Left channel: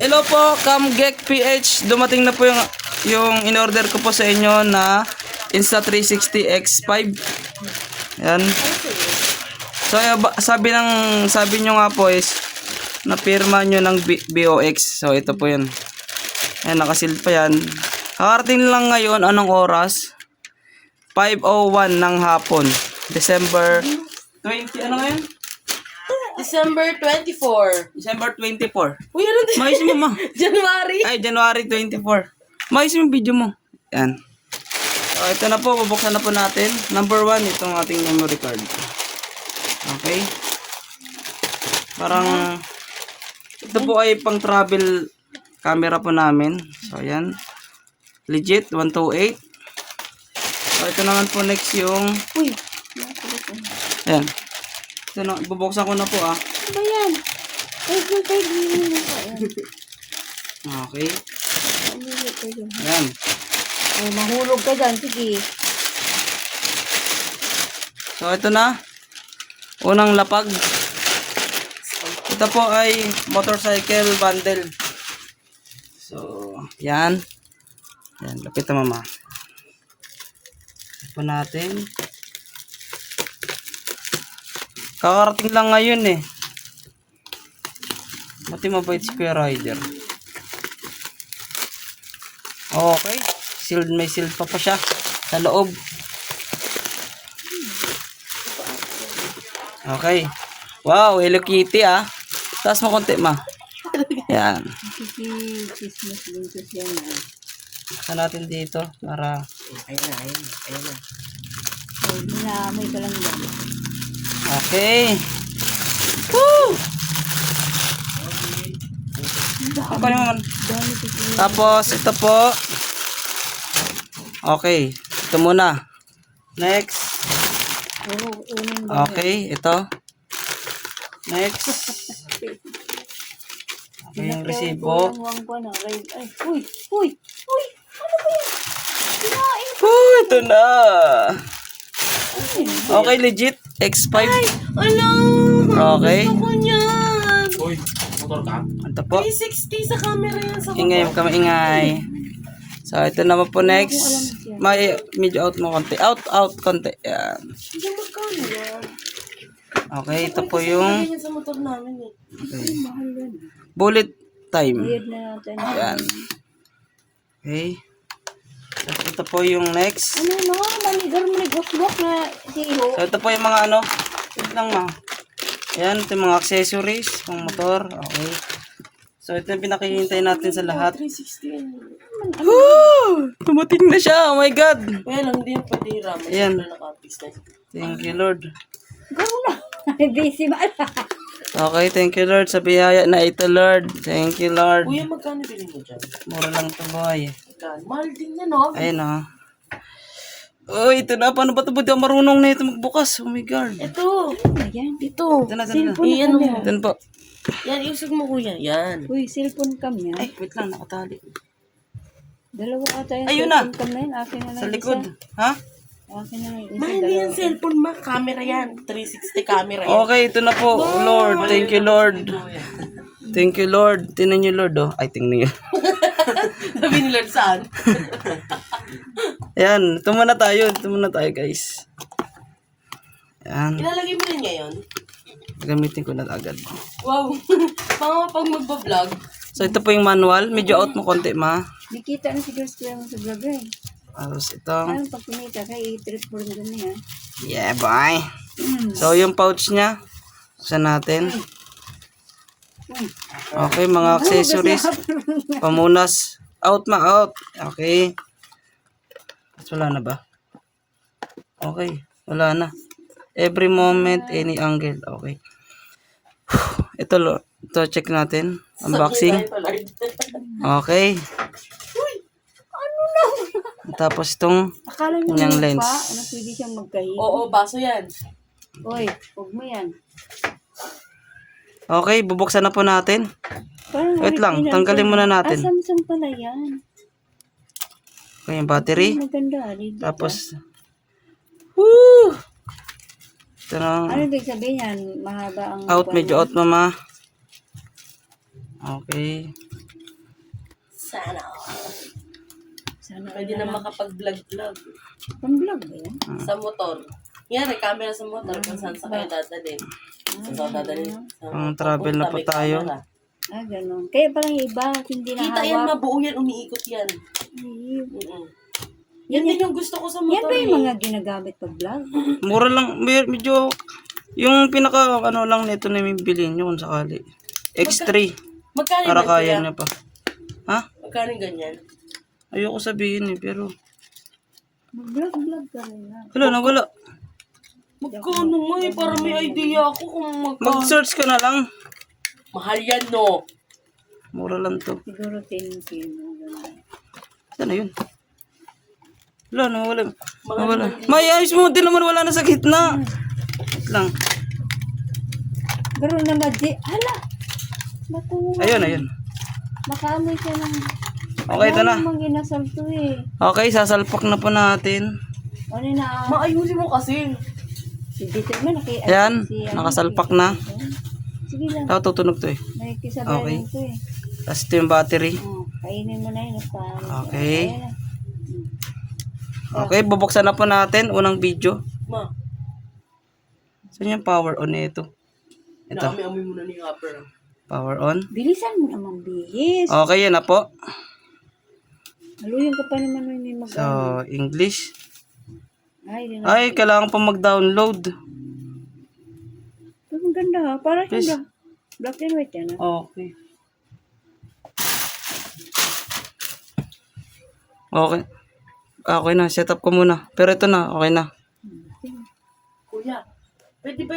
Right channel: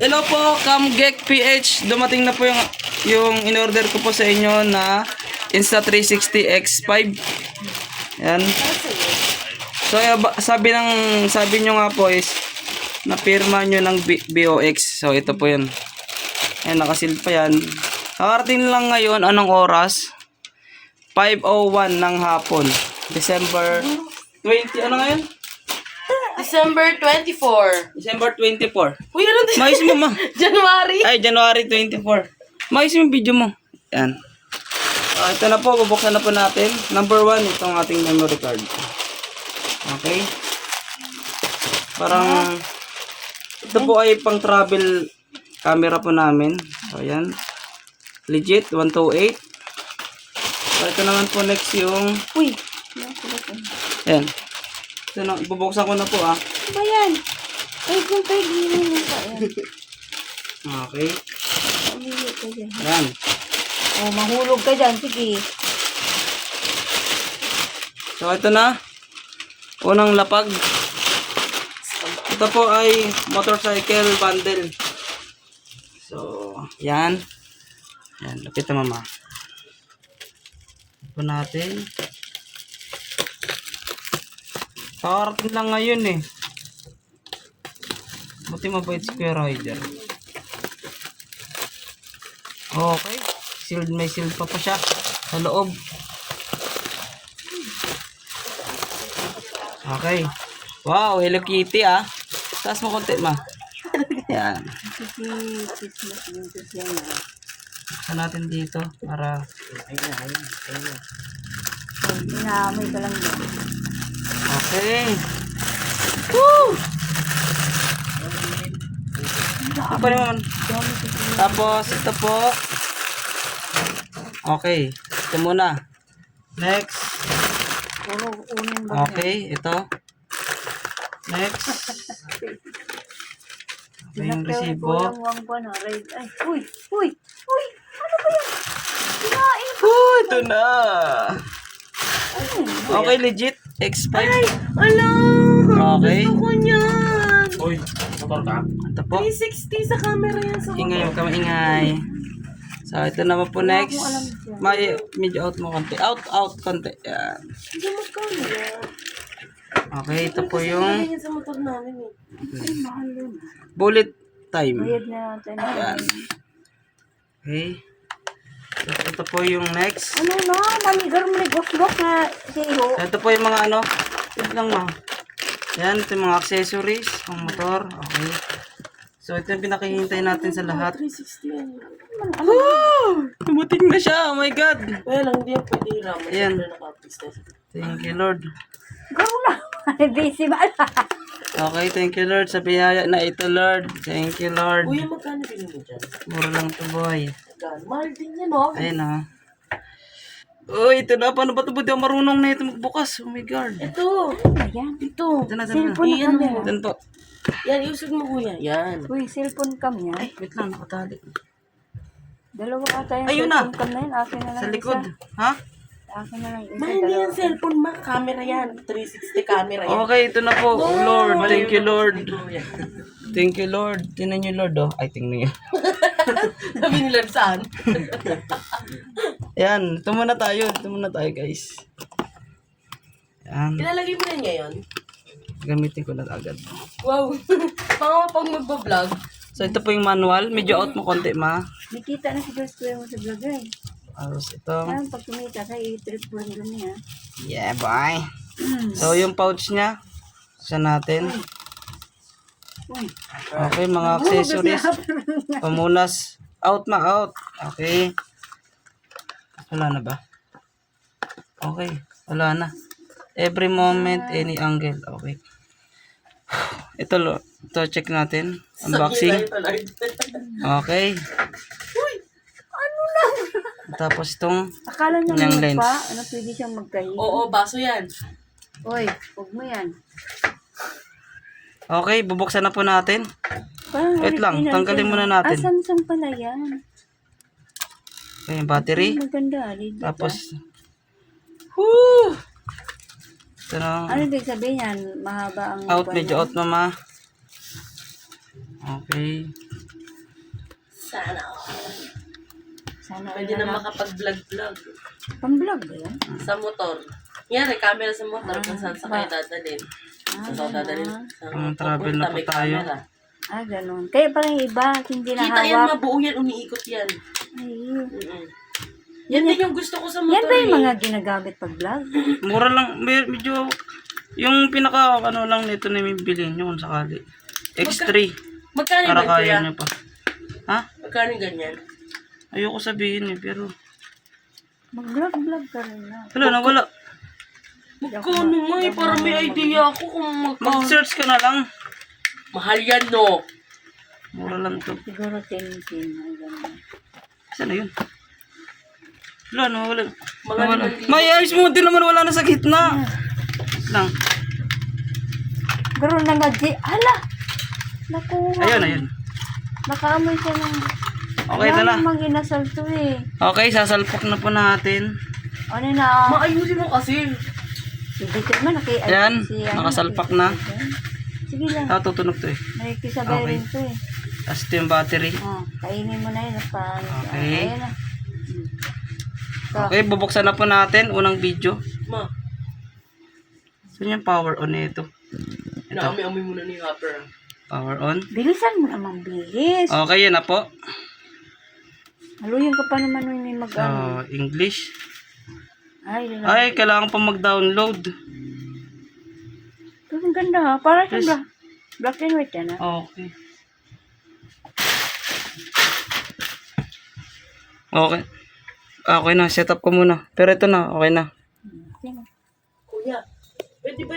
Hello po, Camgek PH. Dumating na po yung in-order ko po sa inyo na Insta360 X5. Yan. So sabi nyo nga po is napirma nyo ng BOX. So ito po 'yun. Ayan, nakasil pa yan. Kakarating lang ngayon, anong oras? 5:01 ng hapon. December 20, ano ngayon? December 24. December 24. Uy, ano din? Mais mo, ma. January. Ay, January 24. Mais yung video mo. Yan. Ito na po, bubuksan na po natin. Number 1, ito ang ating memory card. Okay. Parang, ito po ay pang travel camera po namin. So, yan. Legit, 128. So, ito naman po next yung, Uy. yan. Ito na, bubuksan ko na po ah. Ano ba yan? Ay, kung kayo gini mo pa yan. Okay. Umilit ka dyan. Yan. Oh, mahulog ka dyan. Sige. So, ito na. Unang lapag. Ito po ay motorcycle bundle. So, yan. Yan, lapit na mama. Ito po natin. Kakarating lang ngayon eh. Buti mabait si Kuya Rider. Okay. Sealed, may sealed pa siya sa loob. Okay. Wow, Hello Kitty ah. Taas mo konti ma. Yan. Christmas winter yan ah. Buksan natin dito para Ayun. Oh, inaamoy ka lang yan. okay. Woo! Apa naman? Dami kasi. Tapos ito po. Okay, ito muna. Next. Puro unin ba? Okay, ito. Next. Okay, yung resibo. Kulang pa na. Ay, uy. Uy. Ano ba yan? Kinain ko. Ito na. Ano yun? Okay, legit. X5. Ala! Okay. Gusto ko niyan. Uy, motor ka? Ito po. 360 sa camera yan sa Ingay, huwag ka maingay. So, ito naman po Wala next. akong alam siya. May medyo out mo konti. Out konti. Yan. Hindi magkano yan. Okay, ito po yung Yan sa motor namin eh. Ay, mahal yun. bullet time. Bayad na natin. Yan. Okay. Ito po yung next. Ano na? Manigar mo nagwak-wak na zero. So, ito po yung mga ano. Ito lang mo. Yan, ito yung mga accessories pang motor. Okay. So, ito yung pinakihintay natin sa lahat. 360 yan. Woo! Dumating na siya. Oh my God. Kaya lang, hindi yan pwede raman. Ayan. Siyempre nakapis na. Thank you, Lord. Garo na. Busy ba? Okay, thank you, Lord. Sa biyaya na ito, Lord. Thank you, Lord. Kuya, magkano bilhin mo dyan? Mura lang ito, boy. Magkano? Mahal din yan, no? Ayun, oh. Oh, ito na. Paano ba ito? Buti ako marunong na ito magbukas. Oh my God. Ito. Ayan. Ito. Ito na, ito na. Cellphone cam yan. Ito na po. Yan, iusog mo kuya. Yan. Uy, cellphone cam yan. Ay, wait lang. Nakatali. Dalawa ata yung Ayun na. cellphone cam na yun. Akin na lang Sa isa. likod. Ha? Akin na lang isa. Ma, hindi yan cellphone, ma. Camera yan. 360 camera yan. Okay, ito na po. Lord, thank you, Lord. Thank you, Lord. Tingnan niyo, Lord, oh. Ay, tingnan niyo. Sabi ni Lord saan? Ayan, ito muna tayo. Ito muna tayo, guys. Ayan. Ilalagay mo rin ngayon. Gamitin ko na agad. Wow. Pag magbablog. So, ito po yung manual. Medyo out mo konti, ma. Di kita na siguro square mo sa vlog eh. Tapos ito. Ayan, pag kumita ka, i-trip mo rin kami ha. Yeah, boy. So, yung pouch niya. Buksan natin. Okay, mga accessories. Pamunas. Out, ma. Out. Okay. Wala na ba? Okay. Wala na. Every moment, any angle. Okay. Ito, check natin. Unboxing. Okay. Tapos itong Akala nyo Yung naman lens. pa, ano pwede siyang magkahi. Oo, baso yan. Uy, huwag mo yan. okay, bubuksan na po natin. Parang Wait lang, original tanggalin to. muna natin. Ah, Samsung pala yan. Okay, yung battery. Maganda, legit Tapos, whoo! Ito na. Ano ibig sabihin yan? Mahaba ang... Out, medyo out mama. Okay. Sana. Sana Pwede na makapag-vlog-vlog. Pang-vlog ba yan? Sa motor. Yan, may camera sa motor. Kung saan sa kayo dadalhin. Saan saan dadalhin. Pang travel na po may tayo. camera. Ganun. Kaya parang yung iba, hindi na Kita yan, hawak. mabuo yan. Umiikot yan. Ay, Mm-mm. Yan din yung gusto ko sa yan motor. ba yung eh. mga ginagamit pag-vlog? Mura lang, medyo, yung pinaka, ano lang nito na may bilhin nyo kung sakali. X3, Magkano para ba kaya kaya? nyo pa. Ha? Magkano yung ganyan? Ayoko sabihin pero, Mag-vlog-vlog ka rin na. wala na, wala. Magkano nga eh, para may idea ako kung magkano. Mag-search ka na lang. Mahal yan, no? Mura lang to. Siguro 10-10. Ganun. Saan na yun? Wala na, wala. Mga Wala. 5,000. May ayos mo din naman, wala na sa gitna. Lang. Garo na madi. Hala! Nakuha. Ayun, ayun. Nakaamoy siya ng... Okay, ito na. Yan ang inasal to eh. Okay, sasalpak na po natin. Ano na? Maayusin mo kasi. Si Dieter man Ayan, nakasalpak na. Sige lang. Ito, tutunog to eh. Nakikisabay Okay. rin to eh. Tapos ito yung battery. Kainin mo na yun. Okay. Ayan na. Okay, bubuksan na po natin. Unang video. Ma, Saan yung power on nito? inaamoy-amoy muna ni Hopper. Power on. Bilisan mo naman, bilis. Okay, yun na po. Haluyan ka pa naman nung may mag So, English. Ay, Ay, kailangan pa mag-download. Pero ang ganda ha. Para Yes. siyang black and white yan ha. Okay. Okay. Okay na, set up ko muna. Pero ito na, okay na. Kuya, pwede ba